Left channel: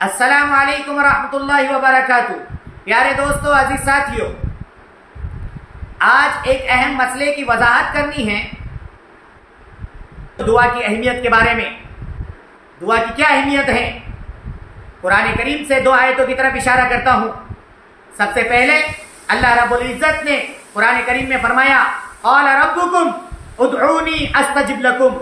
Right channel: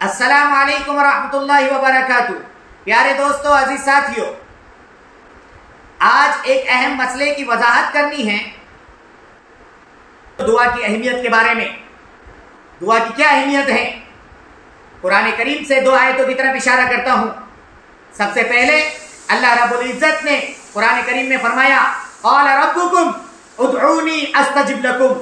अस्सलाम वालेकुम रहमतुल्लाहि व बरकातुहू। प्यारे दोस्तों, अजीज साथियों, आज एक अहम मसले की वजाहत करनी है। दुआ की अहमियत के बारे में। दुआ की क्या अहमियत है, कुरान करीम से दो आयतों की तरफ इशारा करता हूं। सबसे पहले अल्लाह रब्बुल इज्जत ने कुरान करीम में फरमाया, क़ाल रब्बुकुम उदऊनी अस्तजिब लकुम,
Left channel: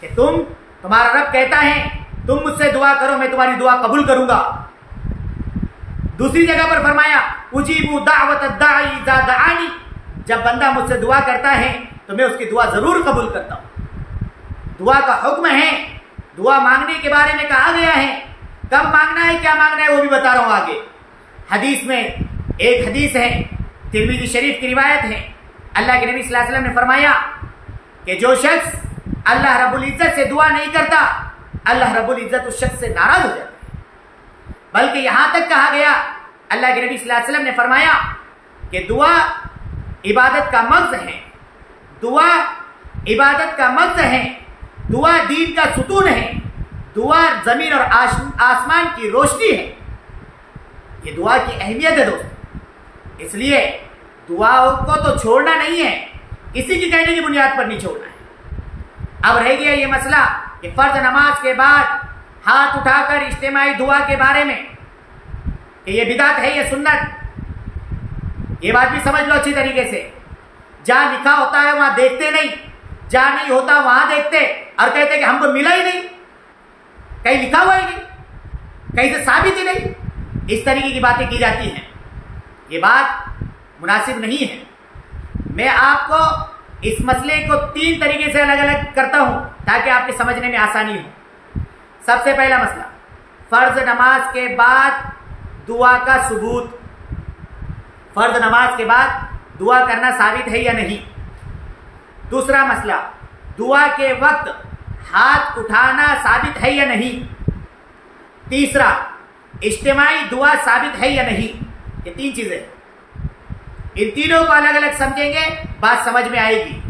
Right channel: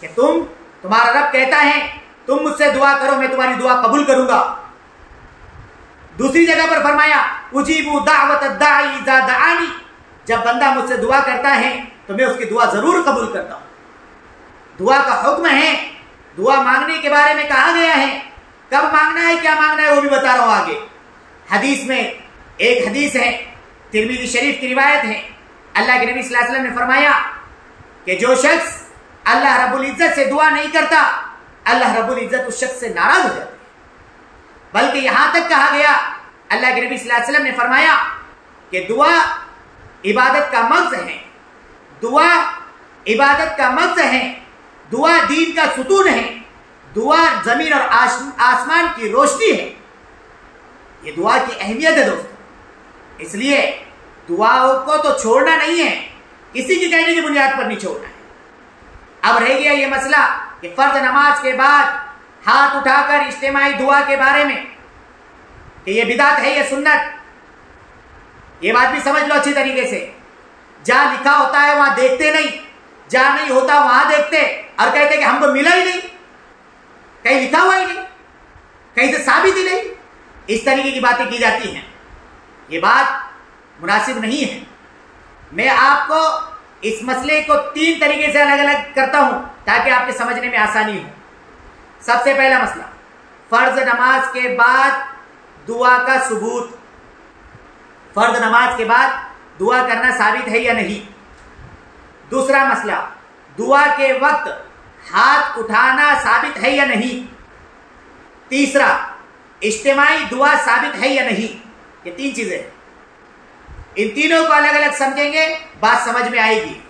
कि तुम्हारा रब कहता है तुम मुझसे दुआ करो, मैं तुम्हारी दुआ कबूल करूंगा। दूसरी जगह पर फरमाया, उजीबू दावत दाई इज़ा दआनी, जब बंदा मुझसे दुआ करता है तो मैं उसकी दुआ जरूर कबूल करता हूं। दुआ का हुक्म है, दुआ मांगने के बारे में कहा गया है। कब मांगना है, क्या मांगना है, वो भी बता रहा हूं आगे। हदीस में एक हदीस है, तिरमिज़ी शरीफ की रिवायत है। अल्लाह के नबी सल्लल्लाहु अलैहि वसल्लम ने फरमाया कि जो शख्स अल्लाह रब्बुल इज्जत से दुआ नहीं करता, अल्लाह रब्बुल इज्जत उस शख्स से नाराज हो जाता है। बल्कि यहां तक कहा गया, अल्लाह के नबी सल्लल्लाहु अलैहि वसल्लम ने फरमाया कि दुआ इबादत का मग़ज़ है, दुआ इबादत का मग़ज़ है, दुआ दीन का सुतून है, दुआ जमीन और आसमान की रोशनी है। ये दुआ की अहमियत है दोस्तों। इसलिए दुआओं को तो छोड़ना नहीं है, किसी की कहने की बुनियाद पर नहीं छोड़ना है। अब रह गया ये मसला कि फर्ज नमाज के बाद हाथ उठाकर इज्तिमाई दुआ के बारे में, कि ये बिदात है, ये सुन्नत, ये बात भी समझ लो अच्छी तरीके से। जहां लिखा होता है वहां देखते नहीं, जहां नहीं होता वहां देखते और कहते कि हमको मिला ही नहीं, कहीं लिखा हुआ ही नहीं, कहीं से साबित ही नहीं, इस तरीके की बातें की जाती हैं। ये बात मुनासिब नहीं है। मैं आपको इस मसले को तीन तरीके से अलग अलग करता हूं ताकि आपके समझने में आसानी हो। सबसे पहला मसला, फर्ज नमाज के बाद दुआ का सबूत। फर्ज नमाज के बाद दुआ करना साबित है या नहीं। दूसरा मसला, दुआ के वक्त हाथ उठाना साबित है या नहीं। तीसरा, इज्तिमाई दुआ साबित है या नहीं। ये तीन चीजें, इन तीनों को अलग अलग समझेंगे, बात समझ में आएगी।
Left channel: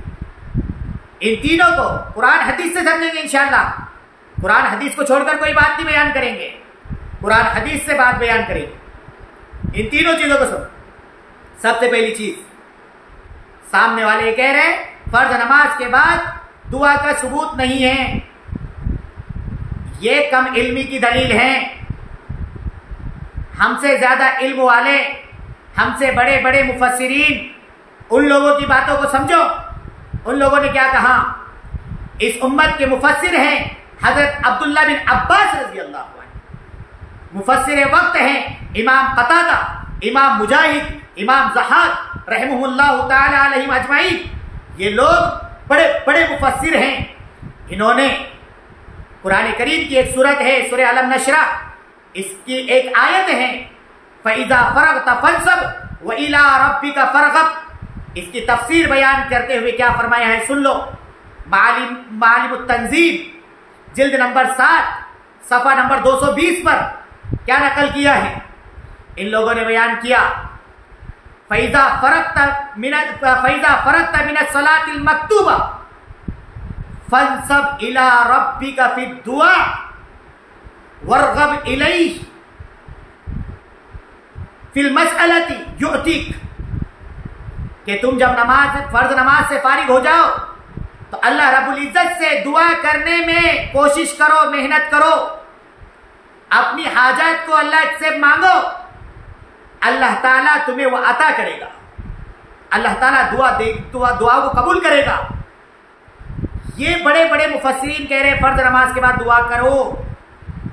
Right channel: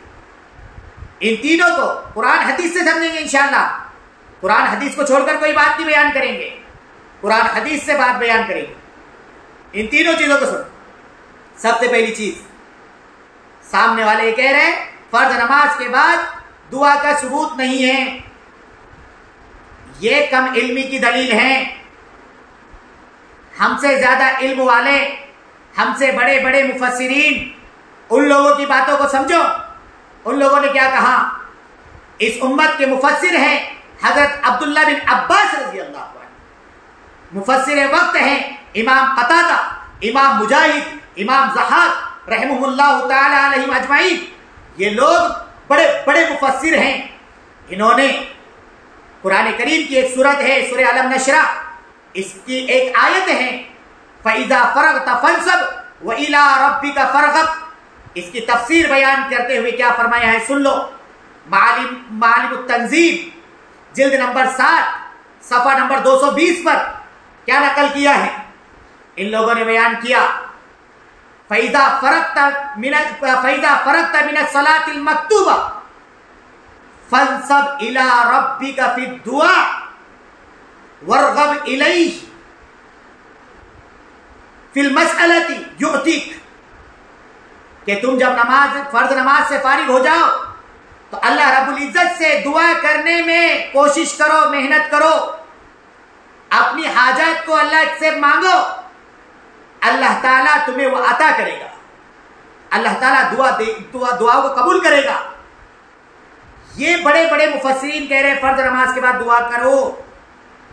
इन तीनों को कुरान हदीस से समझेंगे इंशाअल्लाह। कुरान हदीस को छोड़कर कोई बात नहीं बयान करेंगे, कुरान हदीस से बात बयान करेंगे। इन तीनों चीजों को सुनो। सबसे पहली चीज, सामने वाले ये कह रहे हैं फर्ज नमाज के बाद दुआ का सबूत नहीं है, ये कम इल्मी की दलील है। हमसे ज्यादा इल्म वाले, हमसे बड़े बड़े मुफस्सिरीन, उन लोगों की बातों को समझो। उन लोगों ने क्या कहा। इस उम्मत के मुफस्सिर हैं हजरत अब्दुल्लाह बिन अब्बास रज़ी अल्लाह अन्हु, मुफस्सिर वक्त हैं इमाम कतादा, इमाम मुजाहिद, इमाम ज़हाक रहमहुल्लाह ताला अलैहिम अजमाइन। ये लोग बड़े बड़े मुफस्सिर हैं। इन्होंने कुरान करीम की एक सूरत है सूरह अलम नशरा, इसकी एक आयत है, फ़इज़ा फ़रग़त फ़ंसब व इला रब्बिका फ़रग़ब। इसकी तफसीर बयान करते हुए क्या फरमाया है, सुन लो। मालिमुत तंज़ील जिल्द नंबर 7 सफ़ा नंबर 220 पर क्या नकल किया है। इन लोगों ने बयान किया, फ़इज़ा फ़रग़त मिनस सलातिल मक्तूबा फ़ंसब इला रब्बिका फ़िद दुआ वरग़ब इलैहि फिल मसअलती युअतीक, कि तुम जब फर्ज नमाज से फारिग हो जाओ तो अल्लाह रब्बुल इज्जत से दुआ करने में कोशिश करो, मेहनत करो, अपनी हाजत को अल्लाह से मांगो, अल्लाह ताला तुम्हें वो अता करेगा। अल्लाह ताला दुआ को कबूल करेगा। ये बड़े बड़े मुफस्सिरीन कह रहे हैं फर्ज नमाज के बाद दुआ करो,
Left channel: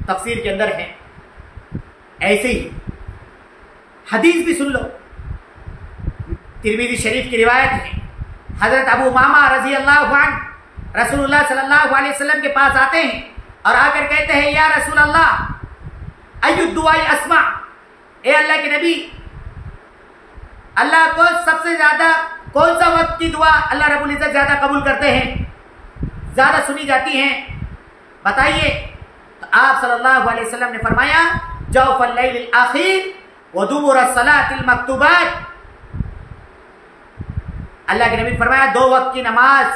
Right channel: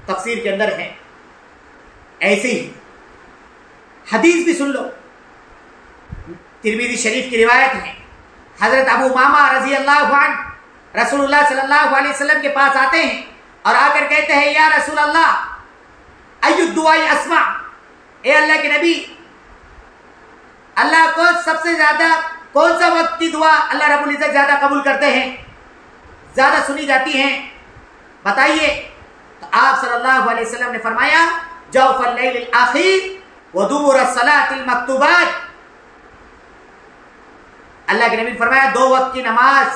तफसीर के अंदर है। ऐसे ही हदीस भी सुन लो, तिरमिज़ी शरीफ की रिवायत है। हजरत अबू उमामा रज़ी अल्लाह अन्हु रसूलुल्लाह सल्लल्लाहु अलैहि वसल्लम के पास आते हैं और आकर कहते हैं, या रसूल अल्लाह अय्यु दुआई अस्मा, ए अल्लाह के नबी, अल्लाह को सबसे ज्यादा कौन सा वक्त की दुआ अल्लाह रब्बुल इज्जत ज्यादा कबूल करते हैं, ज्यादा सुनी जाती हैं, बताइए। तो आप सल्लल्लाहु अलैहि वसल्लम ने फरमाया, जौफल लैलिल आखिर व दुबुर सलातिल मक्तूबात। अल्लाह के नबी ने फरमाया, दो वक्त की नमाज,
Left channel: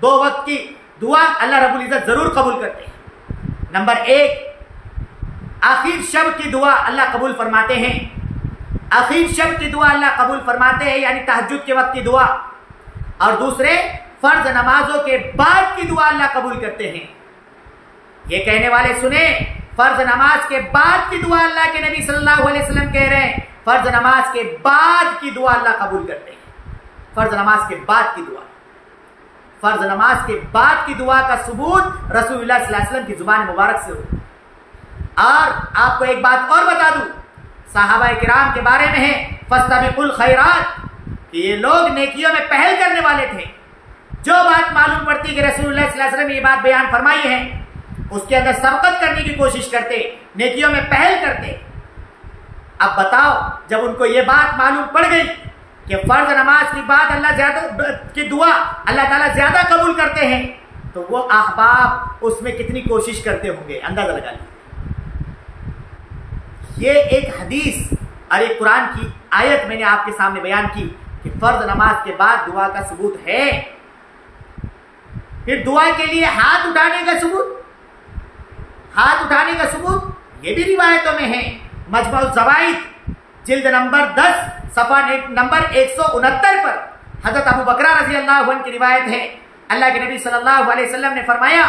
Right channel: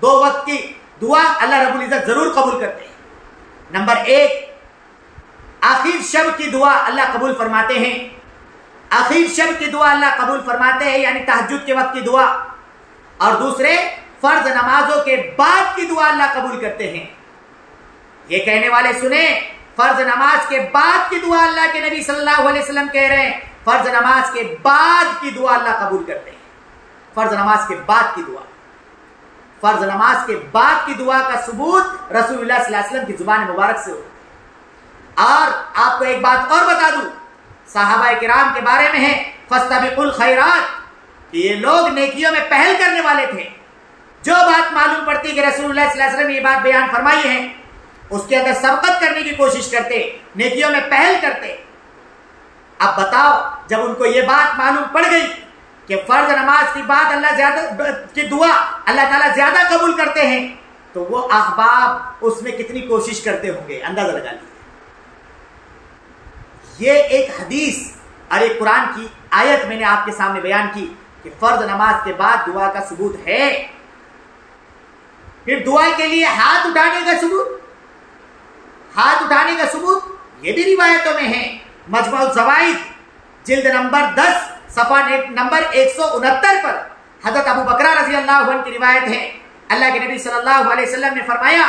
दो वक्त की दुआ अल्लाह रब्बुल इज्जत जरूर कबूल करते हैं। नंबर 1, आखिर शब की दुआ अल्लाह कबूल फरमाते हैं, आखिर शब की दुआ अल्लाह कबूल फरमाते हैं, यानी तहज्जुद के वक्त की दुआ, और दूसरे फर्ज नमाजों के बाद की दुआ अल्लाह कबूल करते हैं। ये कहने वाले सुने, फर्ज नमाज के बाद की दुआ अल्लाह के नबी सल्लल्लाहु अलैहि वसल्लम कह रहे हैं, फर्ज नमाज के बाद की दुआ अल्लाह कबूल करते हैं। फर्ज नमाज के बाद की दुआ, फर्ज नमाज के बाद की दुआ का सबूत रसूलुल्लाह सल्लल्लाहु अलैहि वसल्लम की जुबान मुबारक से हो। और आपको एक बात और बता दूं, सहाबा किराम के बारे में है फस्तबिकुल खैरात, ये लोग नेकियों में पहल करने वाले थे। जो बात मालूम पड़ती कि रसूलुल्लाह सल्लल्लाहु अलैहि वसल्लम ने ये बात बयान फरमाई है, उसके अंदर सबकत करने की कोशिश करते, नेकियों में पहल करते। अब बताओ, जब उनको ये बात मालूम पड़ गई कि फर्ज नमाज की बात अल्लाह ज्यादा की दुआ अल्लाह ताला ज्यादा कबूल करते हैं, तो वो अहबाब उसमें कितनी कोशिश करते होंगे, अंदाजा लगा लीजिए। ये एक हदीस और एक कुरान की आयत मैंने आपके सामने बयान की कि फर्ज नमाज के बाद दुआ का सबूत है। फिर दुआ के लिए हाथ उठाने का सबूत, हाथ उठाने का सबूत ये भी रिवायतों में है। मजमुअ ज़वाइद जिल्द नंबर 10 सफ़ा नंबर 169 पर हज़रत अबू बकरा रज़ी अल्लाहु अन्हु की रिवायत है। अल्लाह के नबी सल्लल्लाहु अलैहि वसल्लम ने फरमाया,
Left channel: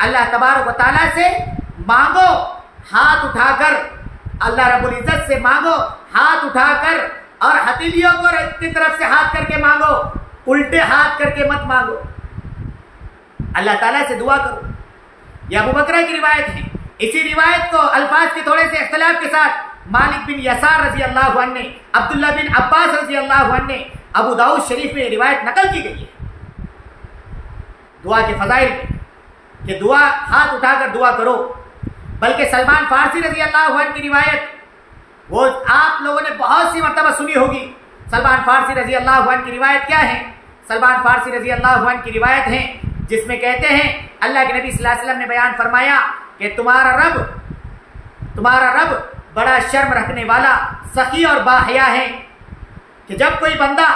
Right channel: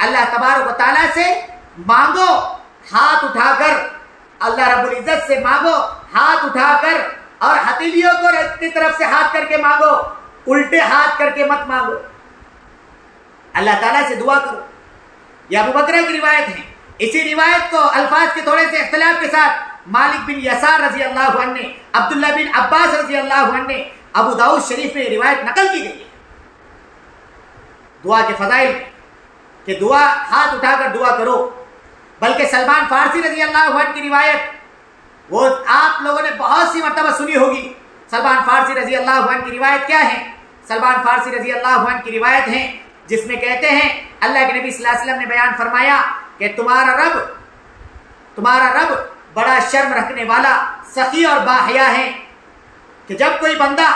अल्लाह तबारक व तआला से मांगो हाथ उठाकर, अल्लाह रब्बुल इज्जत से मांगो हाथ उठाकर, और हथेलियों को की तरफ से हाथ करके मांगो, उल्टे हाथ करके मत मांगो। अल्लाह ताला से दुआ करो। यह अबू बकरा की रिवायत है। इसी रिवायत को अल्फाज के थोड़े से इख्तिलाफ के साथ मालिक बिन यसार रजी अल्लाहु अन्हु ने, अब्दुल्लाह बिन अब्बास रजी अल्लाहु अन्हु ने अबू दाऊद शरीफ में रिवायत नकल की गई है दुआ के फजाइल में कि दुआ हाथ उठाकर दुआ करो। बल्कि सलमान फारसी रजी अल्लाहु अन्हु की रिवायत वो आप लोगों ने बहुत सी मर्तबा सुनी होगी। सलमान फारसी रजी अल्लाहु अन्हु की रिवायत क्या है? सलमान फारसी रजी अल्लाहु अन्हु की रिवायत है जिसमें कहते हैं अल्लाह के नबी सल्लल्लाहु अलैहि वसल्लम ने बयान फरमाया कि तुम्हारा रब बड़ा शर्म रखने वाला, सखी और बाहया है कि जब कोई बंदा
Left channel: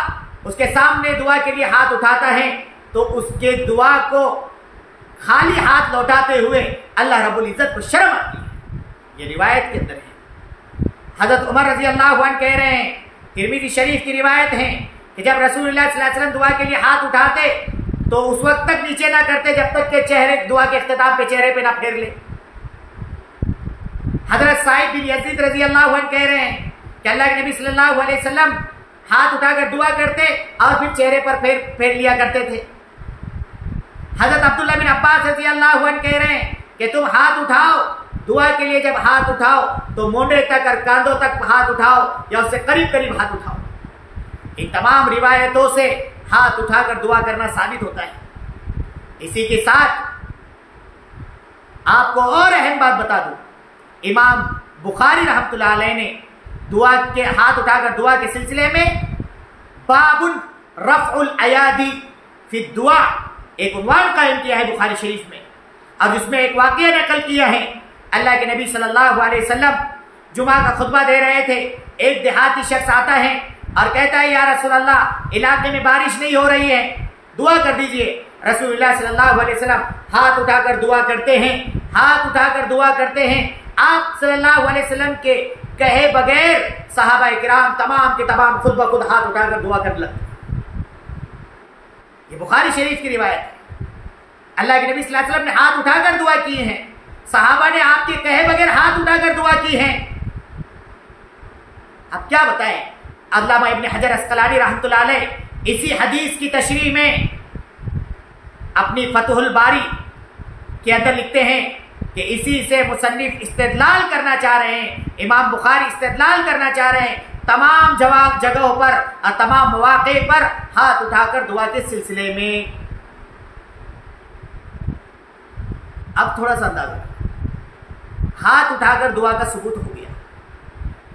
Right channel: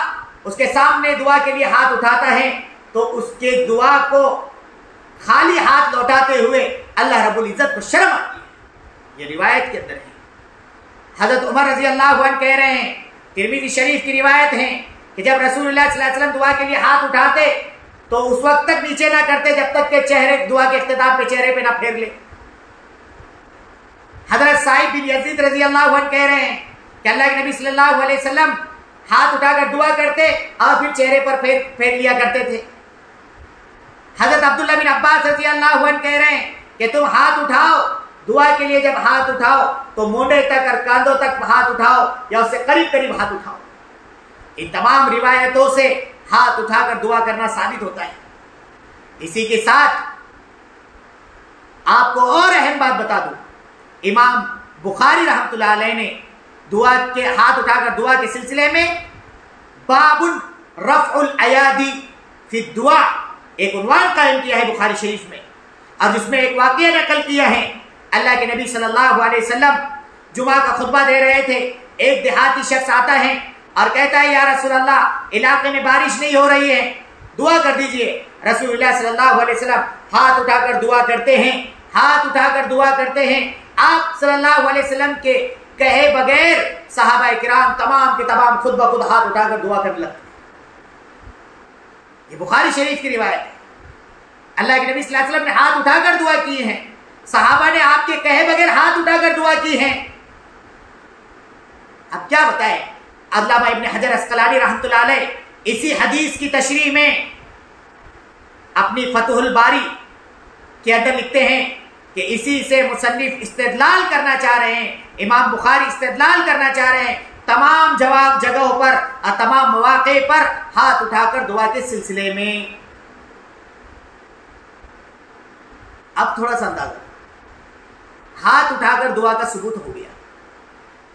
उसके सामने दुआ के लिए हाथ उठाता है तो उसके दुआ को खाली हाथ लौटाते हुए अल्लाह रब्बुल इज्जत को शर्म आती है। ये रिवायत के अंदर है। हजरत उमर रजी अल्लाहु अन्हु कह रहे हैं, तिरमिज़ी शरीफ की रिवायत है कि जब रसूलुल्लाह सल्लल्लाहु अलैहि वसल्लम दुआ के लिए हाथ उठाते तो उस वक्त तक नीचे ना करते जब तक के चेहरे दुआ के इख्तिताम पे चेहरे पे ना फेर ले। हजरत साइद बिन यजीद रजी अल्लाहु अन्हु कह रहे हैं कि अल्लाह के नबी सल्लल्लाहु अलैहि वसल्लम हाथ उठाकर दुआ करते और फिर चेहरे पर फेर लिया करते थे। हजरत अब्दुल्लाह बिन अब्बास रजी अल्लाहु अन्हु कह रहे हैं कि तुम हाथ उठाओ, दुआ के लिए जब हाथ उठाओ तो मोंडे तक और कांधों तक हाथ उठाओ या उससे करीब करीब हाथ उठाओ। इन तमाम रिवायतों से हाथ उठाकर दुआ करना साबित होता है। इसी के साथ आपको और अहम बात बता दूं, इमाम बुखारी रहमतुल्लाह अलैह ने दुआ के हाथ उठाकर दुआ के सिलसिले में बाबुल रफ़उल अयादी फी दुआ एक उन्वान कायम किया है बुखारी शरीफ में, और जिसमें एक वाक़या नकल किया है। अल्लाह के नबी सल्लल्लाहु अलैहि वसल्लम जुमा का खुतबा दे रहे थे। एक देहाती शख्स आता है और कहता है, या रसूल अल्लाह, इलाके में बारिश नहीं हो रही है, दुआ कर दीजिए। रसूलुल्लाह सल्लल्लाहु अलैहि वसल्लम हाथ उठाकर दुआ करते हैं, हाथ उठाकर दुआ करते हैं। आप सल्लल्लाहु अलैहि वसल्लम के कहे बगैर सहाबा किराम तमाम के तमाम खुद ब खुद हाथ उठाकर दुआ करने लगते। ये बुखारी शरीफ की रिवायत है। अल्लाह के नबी सल्लल्लाहु अलैहि वसल्लम ने हाथ उठाकर दुआ की है, सहाबा ने आपके कहे बगैर हाथ उठाकर दुआ की है। अब क्या बताएं, अल्लामा इब्न हजर अस्कलानी रहमतुल्लाह अलैह इसी हदीस की तशरीह में अपनी फतहुल बारी के अंदर लिखते हैं कि इसी से मुसन्निफ इस्तेदलाल करना चाह रहे हैं, इमाम बुखारी इस्तेदलाल करना चाह रहे हैं तमाम जगहों पर और तमाम मौक़े पर हाथ उठाकर दुआ के सिलसिले में। अब थोड़ा सा अंदाजा, हाथ उठाकर दुआ का सबूत हो गया।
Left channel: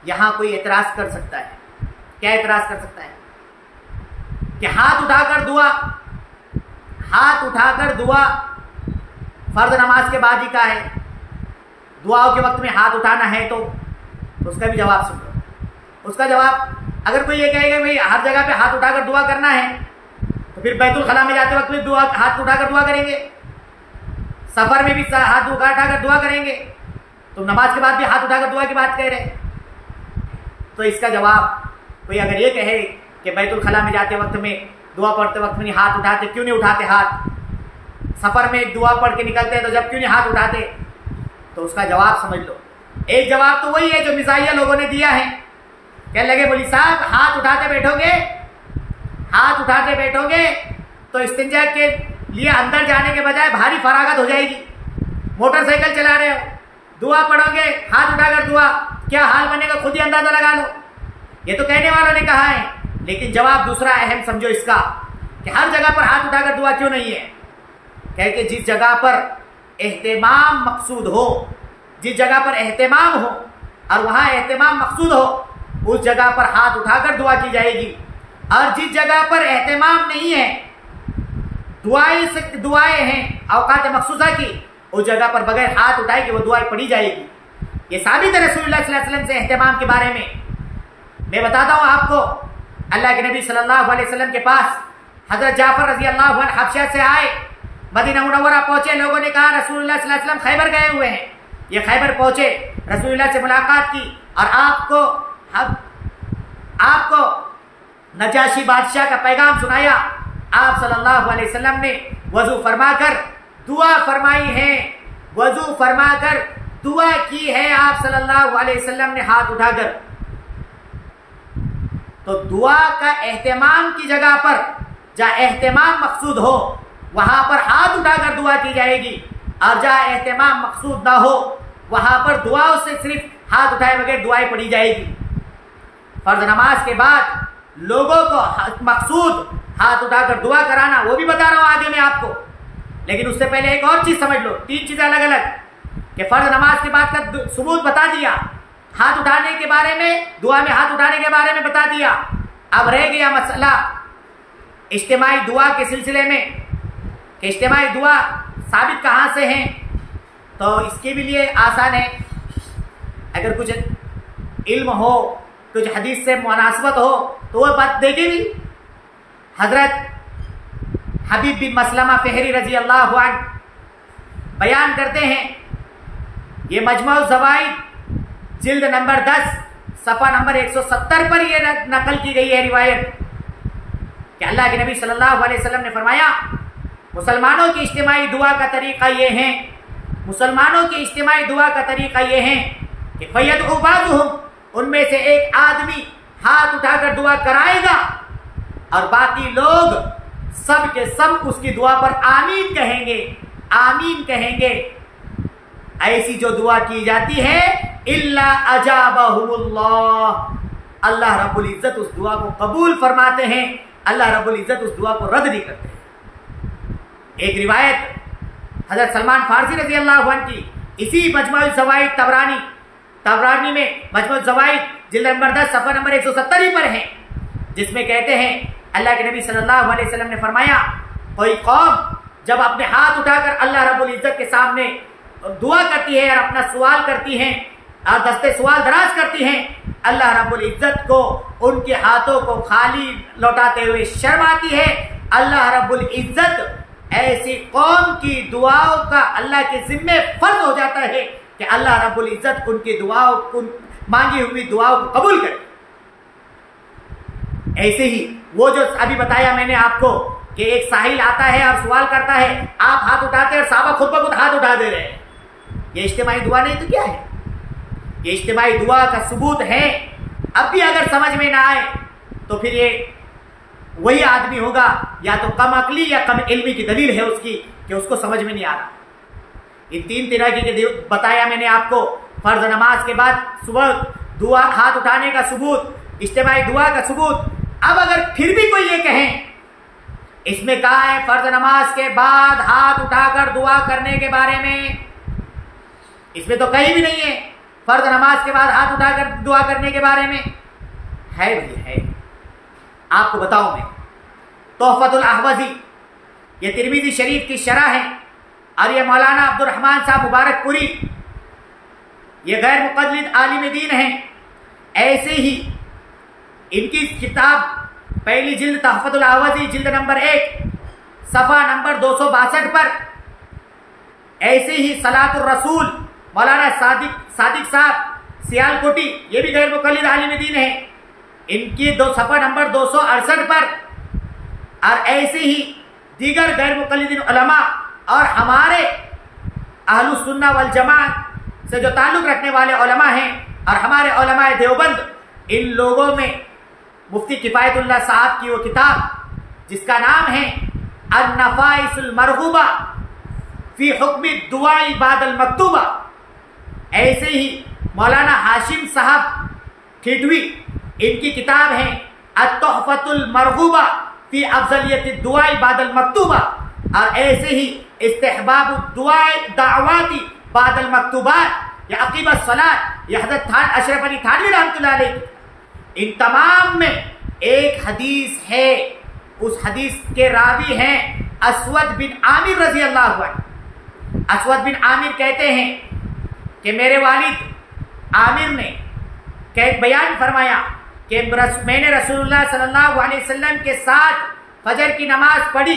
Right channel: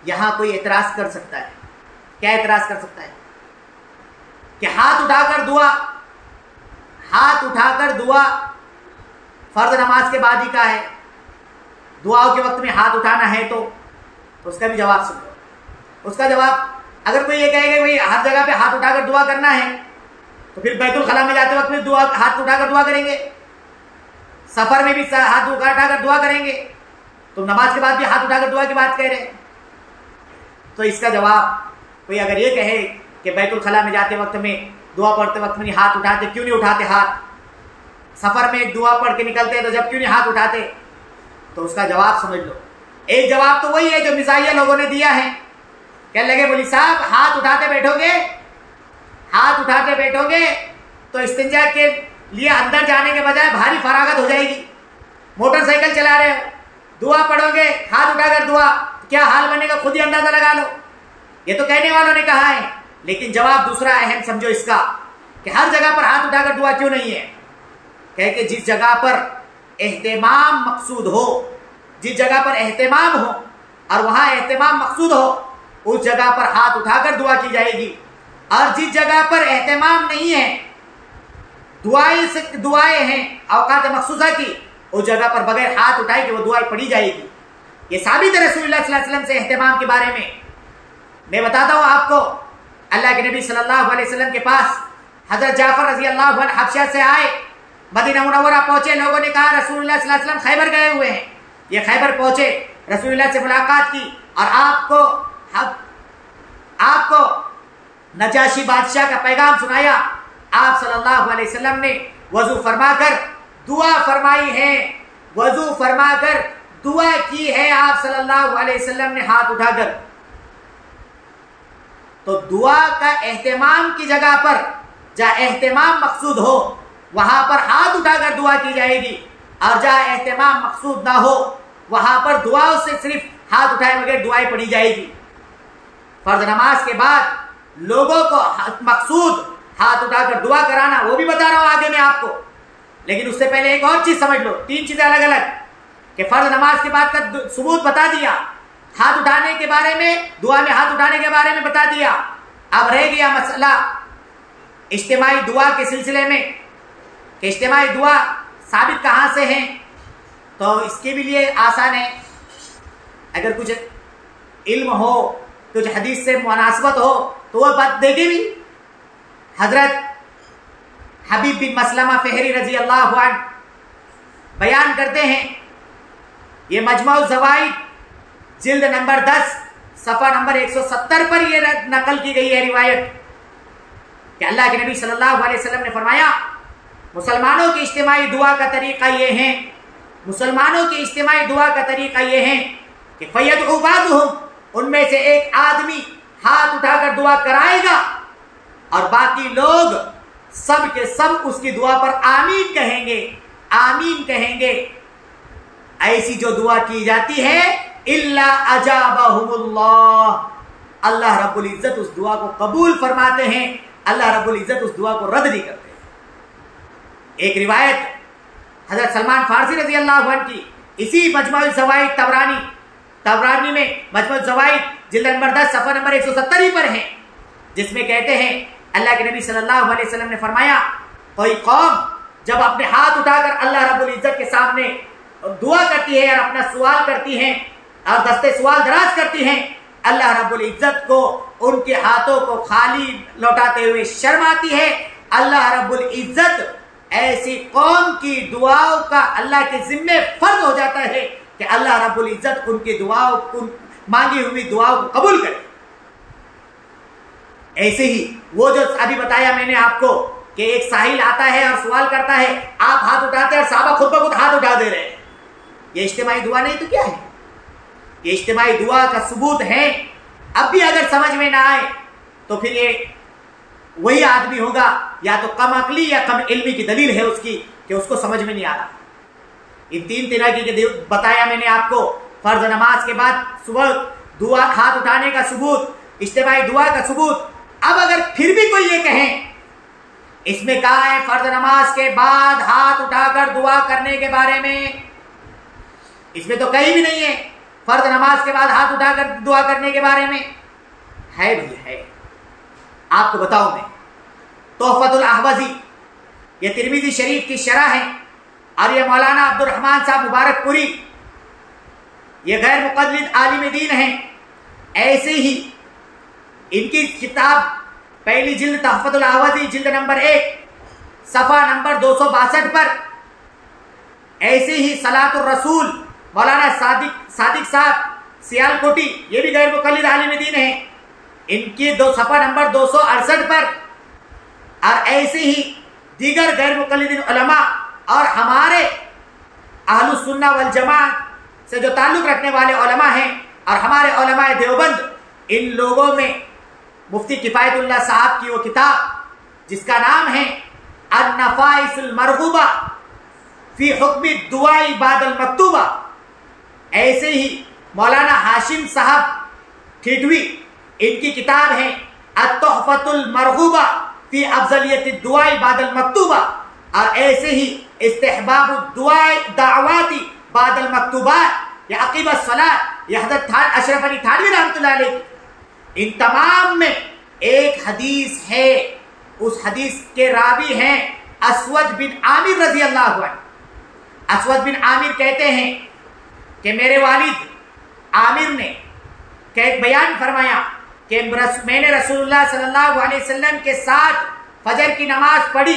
यहां कोई एतराज कर सकता है, क्या एतराज कर सकता है कि हाथ उठाकर दुआ फर्ज नमाज के बाद ही का है, दुआओं के वक्त में हाथ उठाना है तो उसका भी जवाब सुन लो। उसका जवाब, अगर कोई ये कहेगा भाई हर जगह पे हाथ उठाकर दुआ करना है तो फिर बैतुल खला में जाते वक्त भी दुआ हाथ उठाकर दुआ करेंगे, सफर में भी हाथ उठाकर दुआ करेंगे, तुम नमाज के बाद भी हाथ उठाकर दुआ की बात कह रहे। तो इसका जवाब, कोई अगर ये कहे कि बैतुल खला में जाते वक्त में, दुआ पढ़ते वक्त में हाथ उठाते, क्यों नहीं उठाते हाथ? सफर में दुआ पढ़ के निकलते हैं तो जब क्यों नहीं हाथ उठाते? तो उसका जवाब समझ लो। एक जवाब तो वही है जो मिजाहिया लोगों ने दिया है। कहने लगे मौलवी साहब हाथ उठाते बैठोगे तो इस्तिंजा के लिए अंदर जाने के बजाय भारी फरागत हो जाएगी। मोटरसाइकिल चला रहे हो, दुआ पढ़ोगे हाथ उठाकर दुआ, क्या हाल बनेगा खुद ही अंदाजा लगा लो। ये तो कहने वालों ने कहा है, लेकिन जवाब दूसरा अहम समझो इसका कि हर जगह पर हाथ उठाकर दुआ क्यों नहीं है? कह के जिस जगह पर एहतिमाम मकसूद हो, जिस जगह पर एहतिमाम हो और वहां एहतिमाम मकसूद हो, उस जगह पर हाथ उठाकर दुआ की जाएगी। और जिस जगह पर एहतिमाम नहीं है, दुआएं हैं औकात मखसूसा की, उस जगह पर बगैर हाथ उठाए कि वो दुआएं पढ़ी जाएगी। ये साबित है रसूलुल्लाह सल्लल्लाहु अलैहि वसल्लम से एहतिमाम के बारे में। मैं बताता हूं आपको, अल्लाह के नबी सल्लल्लाहु अलैहि वसल्लम के पास हजरत जाफर रजी अल्लाह अन्हु हबशा से आए, मदीना मुनव्वरा पहुंचे। लोगों ने कहा रसूलुल्लाह सल्लल्लाहु अलैहि वसल्लम खैबर गए हुए हैं। ये खैबर पहुंचे, रसूलुल्लाह से मुलाकात की और आपको नजाशी बादशाह का पैगाम सुनाया। आप सल्लल्लाहु अलैहि वसल्लम ने वजू फरमाकर दुआ फरमाई है, वजू फरमाकर दुआ की है आप सल्लल्लाहु अलैहि वसल्लम ने हाथ उठाकर। तो दुआ का एहतिमाम की जगह पर, जहां एहतिमाम मकसूद हो वहां पर हाथ उठाकर दुआ की जाएगी, और जहां एहतिमाम मकसूद ना हो वहां पर दुआओं से सिर्फ हाथ उठाए बगैर दुआएं पढ़ी जाएगी। फर्ज नमाज के बाद लोगों को मकसूद हाथ उठाकर दुआ कराना, वो भी बता रहा हूं आगे मैं आपको। लेकिन उससे पहले एक और चीज समझ लो, तीन चीजें अलग अलग कि फर्ज नमाज के बाद का सबूत बता दिया, हाथ उठाने के बारे में, दुआ में हाथ उठाने के बारे में बता दिया। अब रह गया मसला इज्तिमाई दुआ के सिलसिले में कि इज्तिमाई दुआ साबित कहां से है। तो इसके भी लिए आसान है, अगर कुछ इल्म हो, कुछ हदीस से मुनासबत हो तो वह बात देखे भी। हजरत हबीब बिन मसलमा फेहरी रजी अल्लाह अन्हु बयान करते हैं, ये मजमुअ ज़वाइद जिल्द नंबर 10 सफ़ा नंबर 170 पर यह नकल की गई है रिवायत कि अल्लाह के नबी सल्लल्लाहु अलैहि वसल्लम ने फरमाया, मुसलमानों की इज्तिमाई दुआ का तरीका ये है, मुसलमानों की इज्तिमाई दुआ का तरीका ये है कि फयदउ बाज़ुहुम, उनमें से एक आदमी हाथ उठाकर दुआ कराएगा और बाकी लोग सब के सब उसकी दुआ पर आमीन कहेंगे, आमीन कहेंगे। ऐसी जो दुआ की जाती है इल्ला अजाबहुमुल्लाह, अल्लाह रब्बुल इज्जत उस दुआ को कबूल फरमाते हैं, अल्लाह रब्बुल इज्जत उस दुआ को रद्द नहीं करते हैं। एक रिवायत हजरत सलमान फारसी रजी अल्लाह अन्हु की, इसी मजमुअ ज़वाइद तबरानी में मजमुअ ज़वाइद जिल्द नंबर 10 सफ़ा नंबर 170 ही पर है, जिसमें कहते हैं अल्लाह के नबी सल्लल्लाहु अलैहि वसल्लम ने फरमाया, कोई कौम जब अपने हाथ उठाकर अल्लाह रब्बुल इज्जत के सामने दुआ करती है और अपना सवाल करती है और दस्ते सवाल दराज करती हैं, अल्लाह रब्बुल इज्जत को उनके हाथों को खाली लौटाते हुए शर्म आती है। अल्लाह रब्बुल इज्जत ऐसी कौम की दुआओं का अल्लाह के जिम्मे फर्ज हो जाता है कि अल्लाह रब्बुल इज्जत उनकी दुआओं को, मांगी हुई दुआओं को कबूल करे। ऐसे ही वो जो अभी बताया मैंने आपको कि एक साहिल आता है और सवाल करता है, आप हाथ उठाते हैं और साहबा खुद ब खुद हाथ उठा दे रहे हैं, ये इज्तिमाई दुआ नहीं तो क्या है? ये इज्तिमाई दुआ का सबूत है। अब भी अगर समझ में ना आए तो फिर ये वही आदमी होगा या तो कम अकली या कम इल्मी की दलील है उसकी कि उसको समझ में नहीं आ रहा। इन तीन तरह की बताया मैंने आपको, फर्ज नमाज के बाद सुबह दुआ हाथ उठाने का सबूत, इज्तिमाई दुआ का सबूत। अब अगर फिर भी कोई ये कहे इसमें कहा है फर्ज नमाज के बाद हाथ उठाकर दुआ करने के बारे में, इसमें तो कहीं भी नहीं है फर्ज नमाज के बाद हाथ उठाकर दुआ करने के बारे में। है भैया है, आपको बताऊं मैं, तोहफतुल अहवज़ी ये तिरमिज़ी शरीफ की शरह है और ये मौलाना अब्दुल रहमान साहब मुबारकपुरी ये गैर मुक़ल्लिद आलिम दीन हैं। ऐसे ही इनकी किताब पहली जिल्द तोहफतुल अहवज़ी जिल्द नंबर 1 सफ़ा नंबर 262 पर, ऐसे ही सलातुर रसूल मौलाना सादिक साहब सियालकोटी, ये भी गैर मुकल्लिद आलिम दीन है, इनकी सफ़ा नंबर 268 पर, और ऐसे ही दीगर गैर मुकल्लिदीन उलमा और हमारे अहलुस सुन्ना वल जमात से जो ताल्लुक़ रखने वाले उलमा हैं और हमारे उलमाए देवबंद, इन लोगों में मुफ्ती किफ़ायतुल्लाह साहब की वो किताब जिसका नाम है अन-नफ़ाइसुल मरग़ूबा फ़ी हुक्म दुआई बादल मक्तूबा, ऐसे ही मौलाना हाशिम साहब ठिठवी, इनकी किताब है अत-तुहफ़तुल मरग़ूबा फ़ी अफ़ज़लियत दुआई बादल मक्तूबा, और ऐसे ही इस्तिहबाब दुआई दावाती बादल मक्तूबात या अक़ीब सलात या हज़रत अशरफ अली थानवी रहमतुल्लाह अलैह, इन तमाम में एक हदीस है, उस हदीस के रावी हैं असवद बिन आमिर रज़ी अल्लाहु अन्हु। असवद बिन आमिर कहते हैं कि मेरे वालिद आमिर ने एक बयान फरमाया कि मैंने रसूलुल्लाह सल्लल्लाहु अलैहि वसल्लम के साथ फजर की नमाज पढ़ी,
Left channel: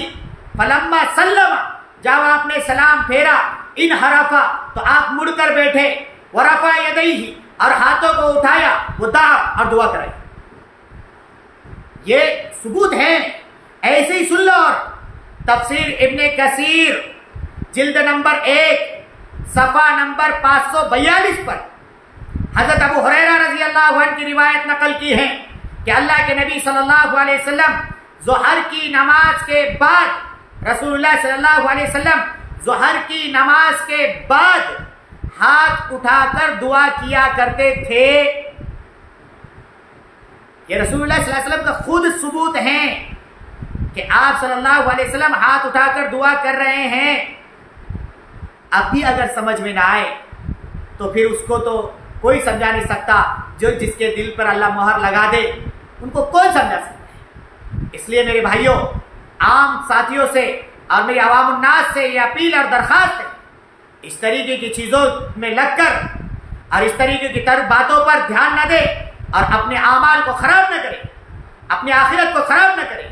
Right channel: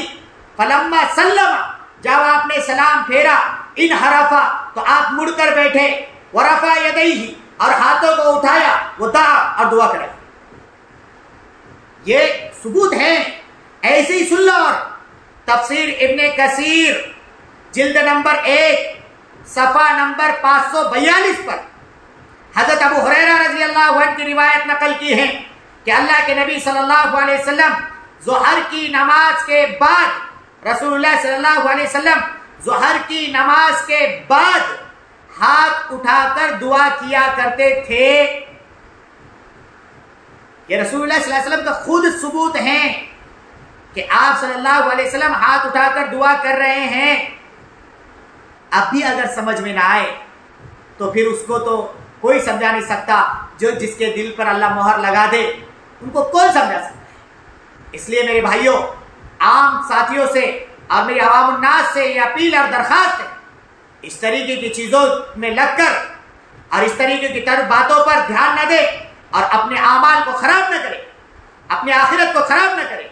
फलम्मा सल्लमा, जब आपने सलाम फेरा, इन हरफा, तो आप मुड़कर बैठे, वरफा यदैहि, और हाथों को उठाया, वो दआ, और दुआ कराई। ये सबूत है, ऐसे ही सुन लो। और तफसीर इब्ने कसीर जिल्द नंबर 1 सफ़ा नंबर 542 पर हज़रत अबू हुरैरा रज़ी अल्लाहु अन्हु की रिवायत नकल की है कि अल्लाह के नबी सल्लल्लाहु अलैहि वसल्लम ज़ोहर की नमाज के बाद, रसूलुल्लाह सल्लल्लाहु अलैहि वसल्लम ज़ोहर की नमाज के बाद हाथ उठाकर दुआ किया करते थे। ये रसूलुल्लाह सल्लल्लाहु अलैहि वसल्लम का खुद सबूत है कि आप सल्लल्लाहु अलैहि वसल्लम हाथ उठाकर दुआ कर रहे हैं। अब भी अगर समझ में ना आए तो फिर उसको तो कोई समझा नहीं सकता, जो जिसके दिल पर अल्लाह मोहर लगा दे उनको कौन समझा सकता है। इसलिए मेरे भाइयों, आम साथियों से और मेरी आवाम उन्नास से ये अपील और दरखास्त है, इस तरीके की चीज़ों में लगकर और इस तरीके की बातों पर ध्यान न दे और अपने आमाल को खराब न करे, अपनी आखिरत को खराब न करे।